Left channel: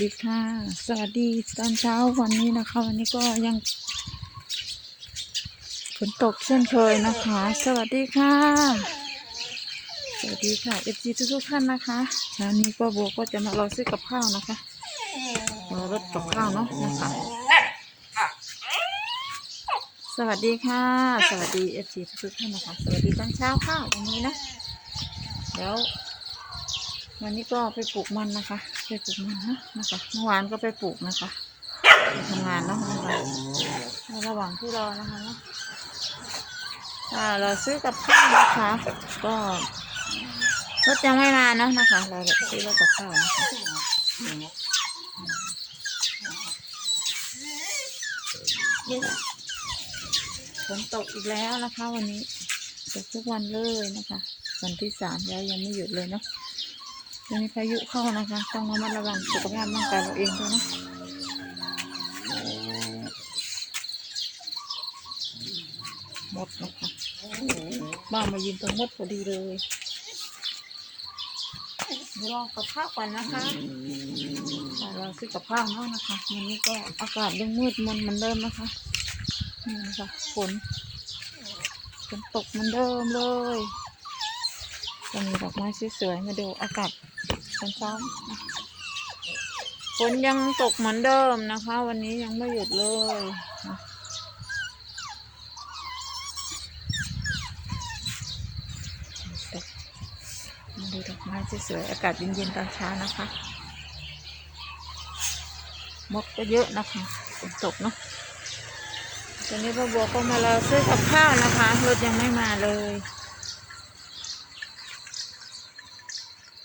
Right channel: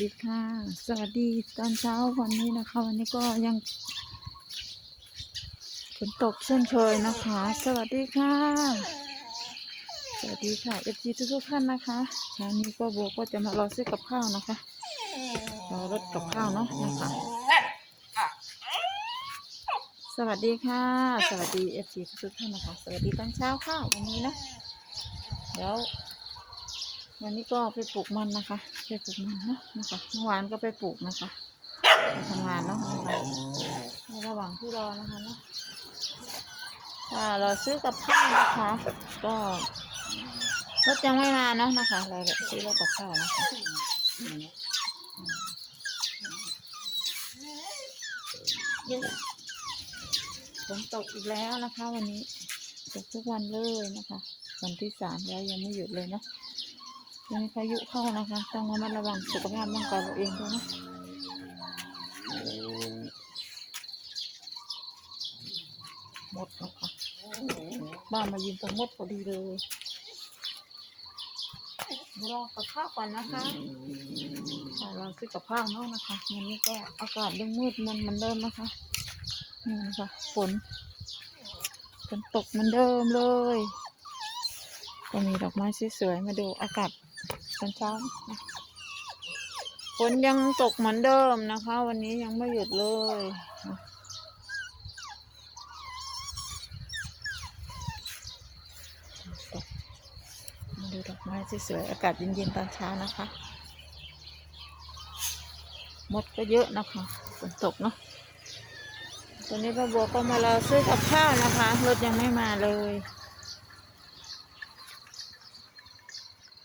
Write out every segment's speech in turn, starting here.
ดีค่ะ สวัสดีตอนเช้าวันนี้นะคะ วันนี้ก็ยังฝนตกเช่นเคยนะคะ สวัสดีค่ะ สวัสดีค่ะเอฟซีทุกๆท่านนะคะเช้านี้ก็โบก็จะมารอซื้อกับข้าวนะคะรอรถกับข้าวเนาะนะคะ สวัสดีค่ะ สวัสดีเอฟซีทุกๆท่านนะคะ สวัสดีตอนเช้าค่ะวันนี้นะเดี๋ยว วันนี้ก็ไปปลูกมันนะคะ ไปปลูกมันนะนะคะเมื่อวานก็ไปปลูกนะคะไปทำงานเนาะนะคะในระหว่างที่รอนะคะเนาะเราซื้อกับข้าวนะคะ ก็รถยังไม่มาเนาะนะคะเราซื้อรถกับข้าวนะคะฝนตกอีกแล้วนะคะ วันนี้ตกทุกวันเลยนะคะ วันที่สามแล้วยังไม่หยุดเลยเนาะ มีพายุเข้านะคะ ต้องระมัดระวังสุขภาพร่างกายเราเองด้วยนะหมดนะคะบ้ามายืนตรงมดพอดีเลยรอกับข้าวก่อนนะคะอ่เราซื้อกับข้าวเนาะนะคะวันนี้ก็อากาศยังมืดมนเหมือนเดิมนะคะนี่นะคะฝนฝนตกเหมือนเดิมเลยจะมีดอกไม้สวยๆมาดูอากาศ ตอนเช้าฝนยังตกเหมือนเดิมนะคะ วันนี้ยังไม่หยุดเลยมาดูดอกไม้สวยๆอากาศเย็นๆตอนเช้านะคะมดก็เยอะนะคะฝนตกเนาะตอนนี้พ่อบัวก็มารอซื้อกับข้าวนะคะรถยังไม่มาเลย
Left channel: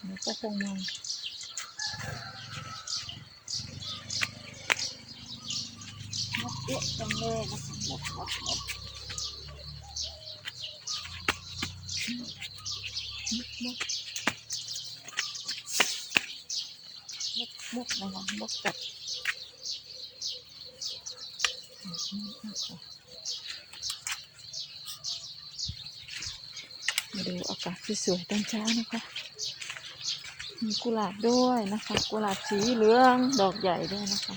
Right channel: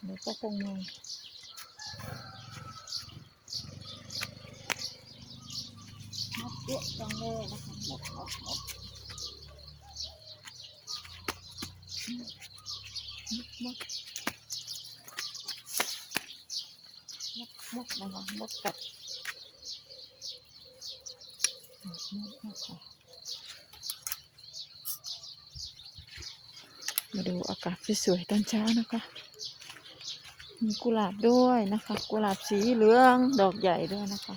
เดี๋ยว ก็ต้องมองมดเยอะจังเลยนะคะมดมดมดมดมดมดนะคะมดกัดมดนะคะมาดูอากาศสวยๆตอนเช้านะคะ มีกุหลาบด้วยนะคะ กุหลาบสีเหลือง ดอกใหญ่ด้วยนะคะ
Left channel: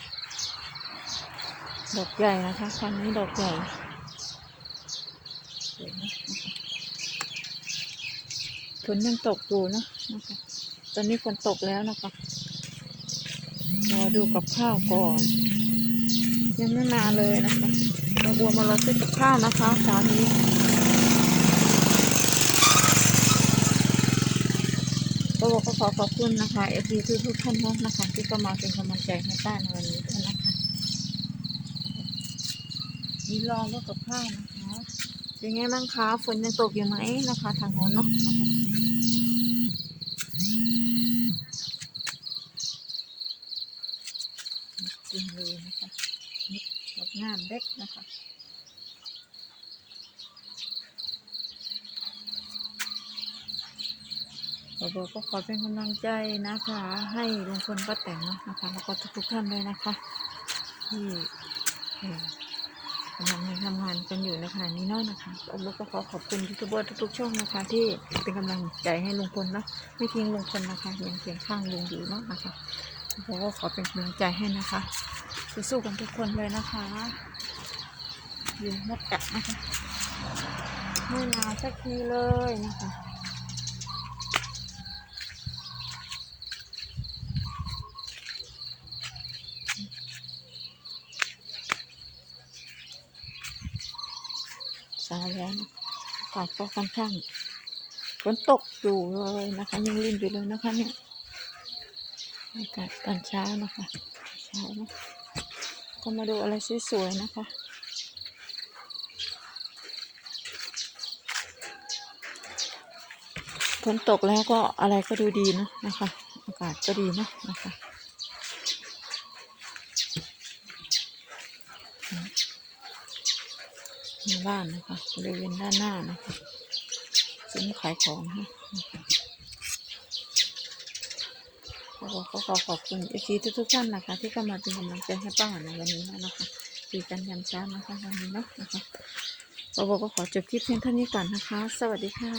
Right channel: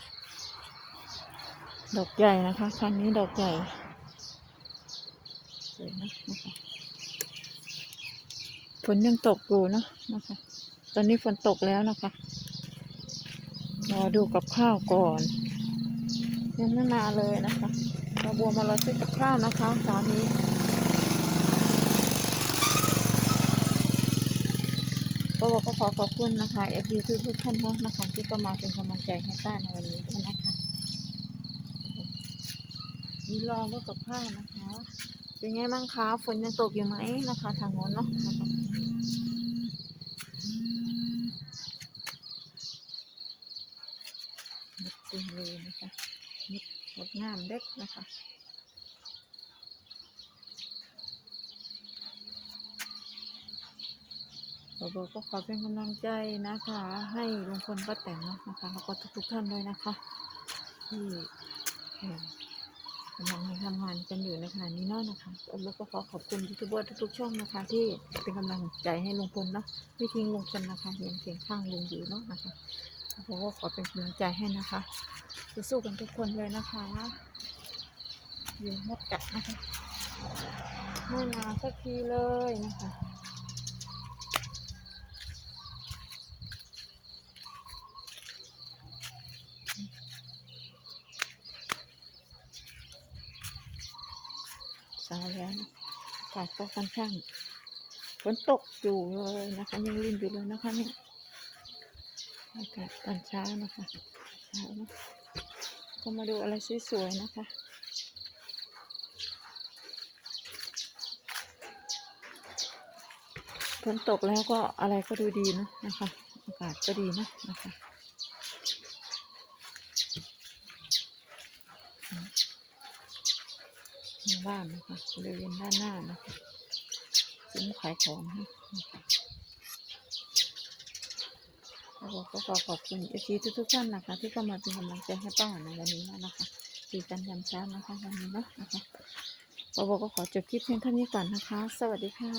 ดอกใหญ่นะคะครั้งนี้ดอกใหญ่ฝนยังตกอยู่นะนะคะ ตอนนี้ฝนตกแล้วนะคะรอดูกับข้าวก่อน ยังไม่มาเลยนะคะเราบัวมารอซื้อกับข้าวนะคะเช้านี้ ก็บอกก็ขอขอบคุณนะคะเอฟซีทุกทุกๆท่านนะคะที่ก็มาเป็นกำลังใจให้ป้าในวันนี้ด้วยนะคะมีรอแล้วกับข้าวนะคะเป็นไงบ้างคะฝนยังตกอยู่ไหมนะคะทางโน้นเนาะนะคะมดจริงเลยนะคะมดงามเล็กนะคะ บอบอกก็ขอเป็นกำลังใจนะคะ ให้ลุงพลป้าแตนนะคะแล้วก็ทุกๆท่านเลยนะคะ ที่เอ่อกำลังทำงานกันอยู่ในขณะนี้เนาะนะคะแล้วก็ขอขอบคุณยูทูบเบอร์ทุกๆช่องนะคะ ที่เป็นกำลังใจให้ลุงพลเนาะไม่ทิ้งลุงพลนะคะยังเคียงข้างลุงอยู่เนาะนะคะแล้วก็ขอเป็นกำลังใจให้นะคะสู้ๆกันทุกคนเลยนะคะยืนมดกัดนะคะไม่มาสักทีเลยนะคะ สายแล้วนะ อากาศก็ค่อนข้างฝนตกอยู่เลยนะคะยังรินอยู่เลยนะคะเนี่ยอากาศตอนเช้านะคะเช้านะก็มาดูอะไรสวยๆนะคะฝนตกแล้วก็อะไรก็ดูดีนะนะคะอากาศก็ดีนะนะคะ ในบ้านนะคะบริเวณด้านหน้านะคะซุ้มขายของนะนะคะแล้วก็ขอขอบคุณอีกทีทุกๆท่านนะคะ ที่เข้ามาเป็นกำลังใจให้ป้าในวันนี้นะคะดีกันยามเช้านะคะวันนี้เนาะนะคะเราบอกก็ขอจบคลิปเพียงเท่านี้ก่อนนะคะ สวัสดีค่ะ